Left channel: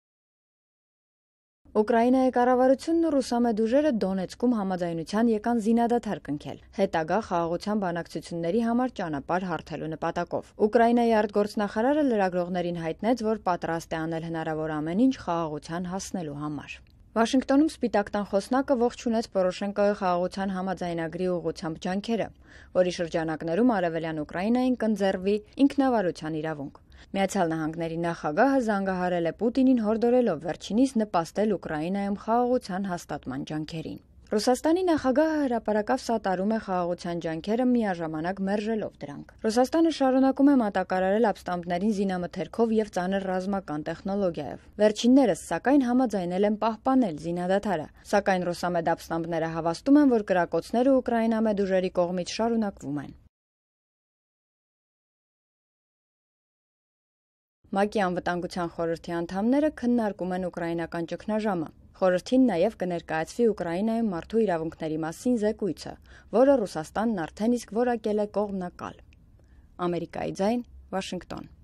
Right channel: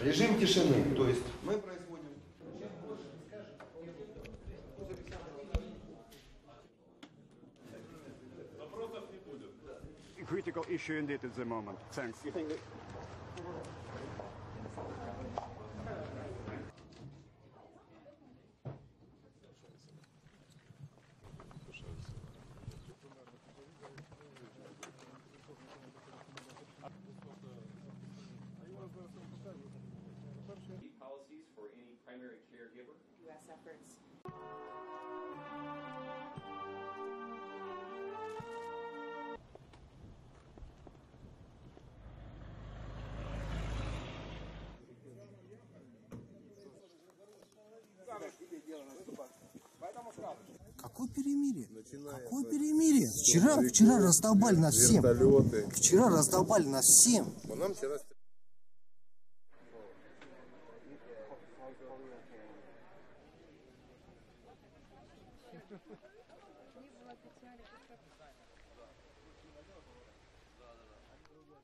Режим тишины, то есть мы... Ուկրաինայի կառավարությունն ու ռուսամետ ուժերը Դոնեցկում համաձայնության եկան զինադադար կնքել, հետագա խաղաղության բանակցությունների համար ճանապարհ հարթելու նպատակով։ Ուկրաինայի արտգործնախարարը լրագրողներին հայտնեց, որ պատրաստ է անել հնարավոր ամեն ինչ խաղաղության հասնելու համար։ Վաշինգտոնում Սպիտակ տան խոսնակը ողջունեց Պորոշենկոյի խաղաղության համաձայնագրի ուղղությամբ ջանքերը, որի շրջանակներում Արևելյան Ուկրաինային կընձեռվի ինքնավարության իրավունք։ Միացյալ Նահանգների նախագահը զանգահարել է Պուտինին հորդորելով վերջինիս նպաստել Ուկրաինայում խաղաղության հաստատման ջանքերին։ Ռուսաստանի նախագահը հրապարակավ սատարում է խաղաղության ջանքերը միաժամանակ մերժելով դրանք։ Ռուսաստանը շարունակում է մատակարարել ապստամբներին զինամթերքով եւ ծանր ռազմական տեխնոլոգիայով։ Վերջիններս, սակայն, համաձայնել են պահպանել զինադադարը, սակայն ռուսամետ ապստամբները հավաստում են, որ կրակոցները ուկրաինամետ ուժերի կողմից շարունակվում են։ ՄԱԿ-ի անվտանգության խորհրդի անդամները քննարկում են ուկրաինական ճգնաժամը։ Խորհրդին նաև կներկայացվի Ուկրաինայում մարդու իրավունքների մասին զեկույցը, որը Ռուսաստանն արդեն իսկ որակել է կողմնակալ։ Ամերիկայի ձայն, Վաշինգտոն։